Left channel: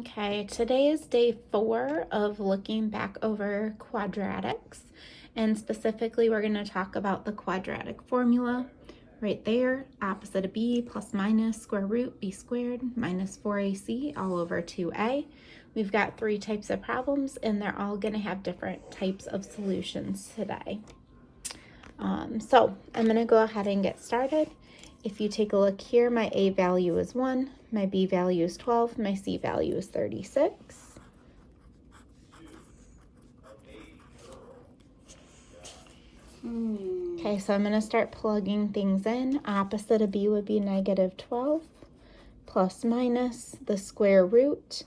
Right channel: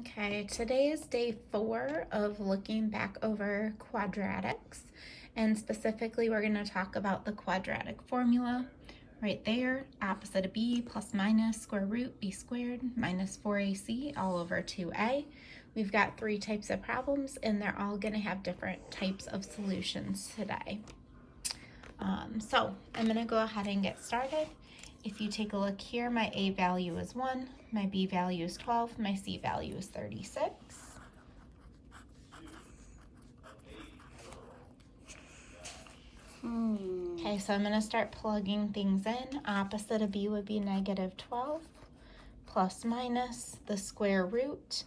Okay, today is day 4 of looking back over quadratics, and specifically we're going to talk about the quadratic formula right there, opposite of b plus minus square root b squared minus 4ac all over 2a. We've got 3 types of problems and they're all going to have different types of solutions today. So I'm going to go ahead and get started. If you take a look here, my A value is 1, my B value is 12, my C value is 36. Okay, so I'm going to start plugging things in. Opposite of B would be negative 12 plus minus the square root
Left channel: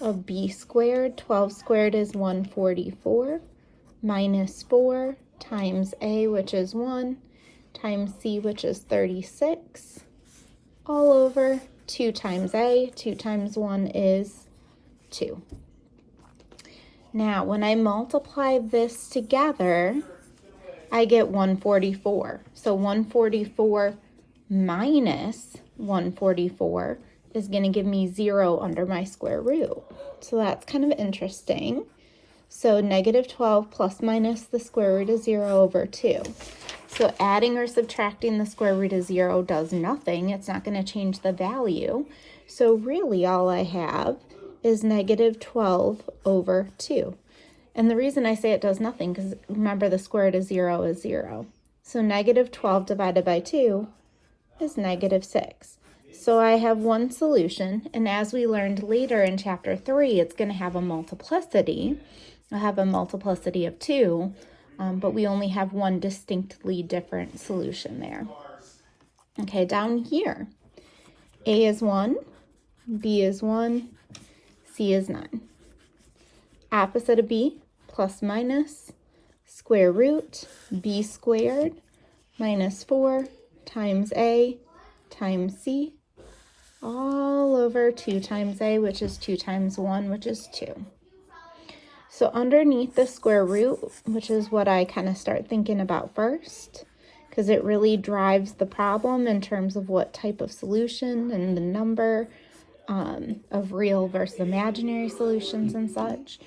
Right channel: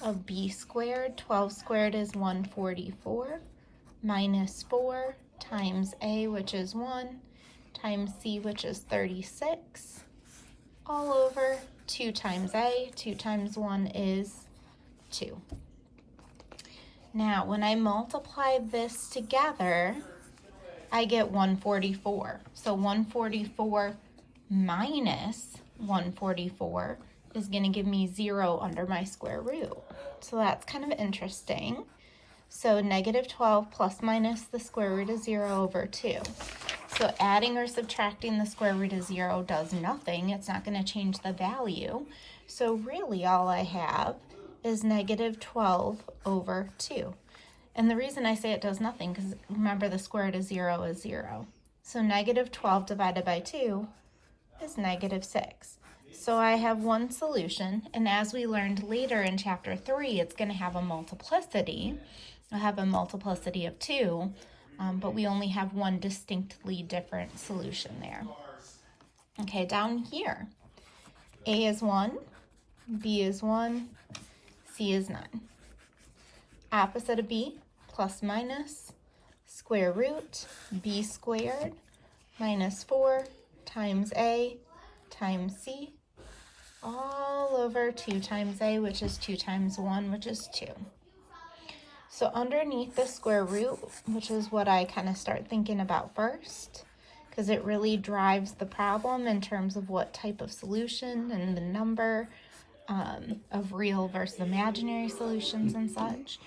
of B squared. 12 squared is 144 minus 4 times A, which is 1, times C, which is 36, all over 2 times A. 2 times 1 is 2. Now, when I multiply this together, I get 144. So 144 minus 144 is going to give me 0 under my square root. So that's kind of interesting. So negative 12 plus minus the square root of 0 over 2. So adding or subtracting the square root of 0 does nothing. It's not going to change the value. So really all I have is negative 12 over 2. And the reason I say it does nothing, because remember the square root of 0 is 0. So negative 12 divided by 2 is negative 6. So I have one solution, and as we learned later in chapter 3, it's going to have a multiplicity. I'll have a multiplicity of 2, but we only have one distinctly different solution there. Okay, down here, A is 1, B is 1, C is 9. Opposite of B, plus minus, square root, B squared, minus 4 times A times C, all over 2 times A, which is 2 times 1, which is 2. So underneath the square root, which is what I kind of start thinking about first, because it really drives the problem in terms of what type of solution and the number of real versus imaginary solutions and such.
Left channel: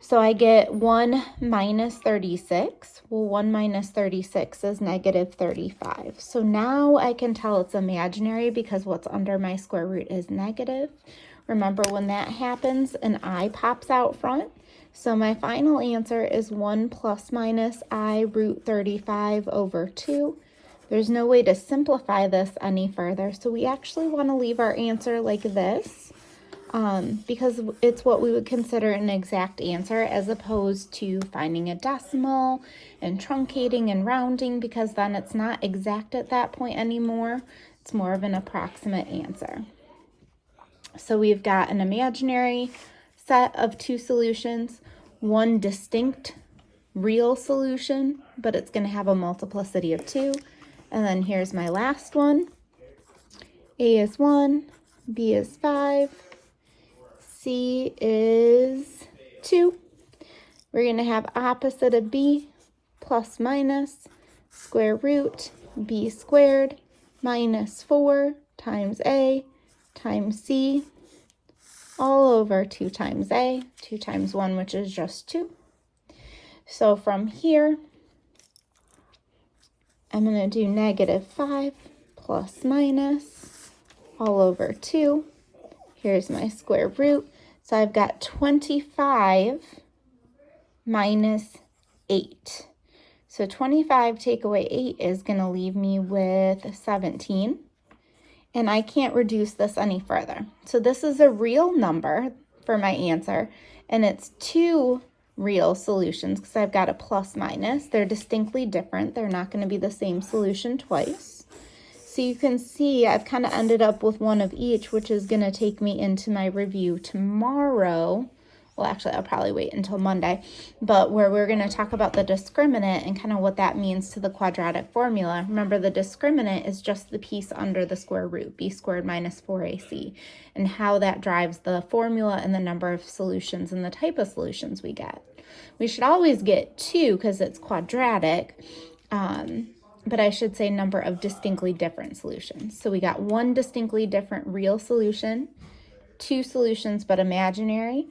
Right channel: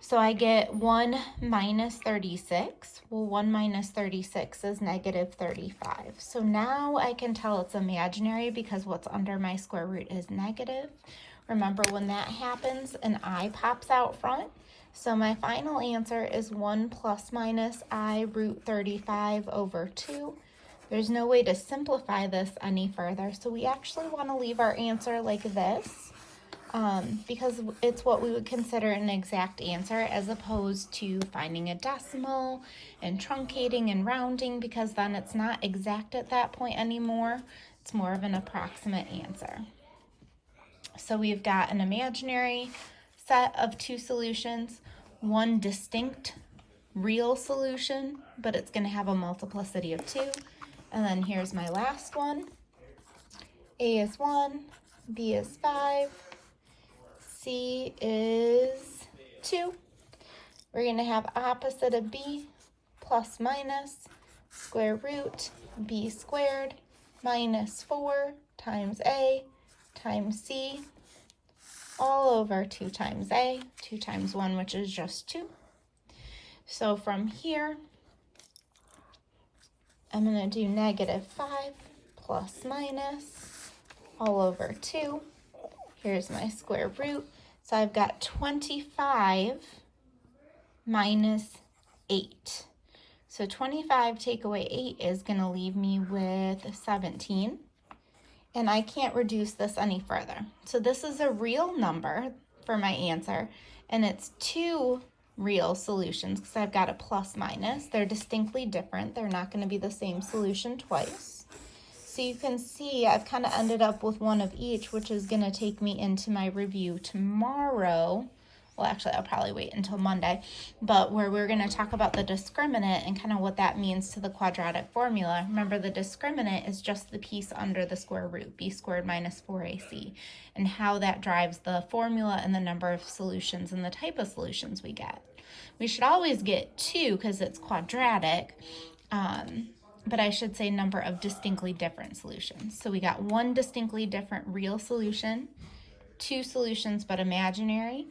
So I get 1 minus 36. Well, 1 minus 36 is negative 35. So now I can tell it's imaginary because what's under my square root is negative. Remember, when that happens, an I pops out front. So my final answer is 1 plus minus I root 35 over 2. There's no way to simplify this any further, so we actually want to leave our answer like this because it's what we would consider an exact answer, as opposed to finding a decimal and truncating and rounding, because then it's not exact at that point anymore. It's more of an approximate answer. So we've got an imaginary set of 2 solutions, one distinct real solution, but it's going to have a multiplicity of 2. And then here's my last one. A is 1, B is 5, C is 2. We're going to have opposite of B, plus minus, square root, B squared, minus 4 times A times C, all over 2 times A, 2 times 1, which is just 2. So from here, I'm going to do negative 5 plus minus all over 2. Here's my square root. So I've got 25 minus 8. So 25 take away 8 is going to leave me with 17. And I can't reduce this any further. So this is a real number for my answer, and it's 2 real solutions because I've got a plus minus. They're distinctly different. They're not going to be the same solution twice. So you can see I've kind of ended up with one of each, which is going to take me into my review tomorrow. Well, actually, I'll probably wait until Monday, but where we're going to talk about the discriminant and kind of what that means to the quadratic formula. Remember, the discriminant is just the piece under the square root, b squared minus 4ac, and how that drives the formula and the number of solutions and the type of solutions we get. We should always get 2 because it's quadratic, but I should say number of distinctly different solutions. So we got one distinctly different real solution two solutions but imaginary,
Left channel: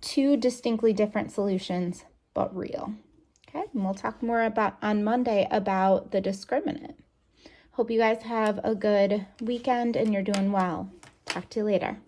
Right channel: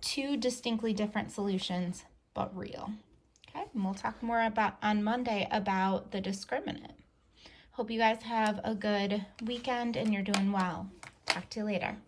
two distinctly different solutions but real. Okay, and we'll talk more about on Monday about the discriminant. Hope you guys have a good weekend and you're doing well. Talk to you later.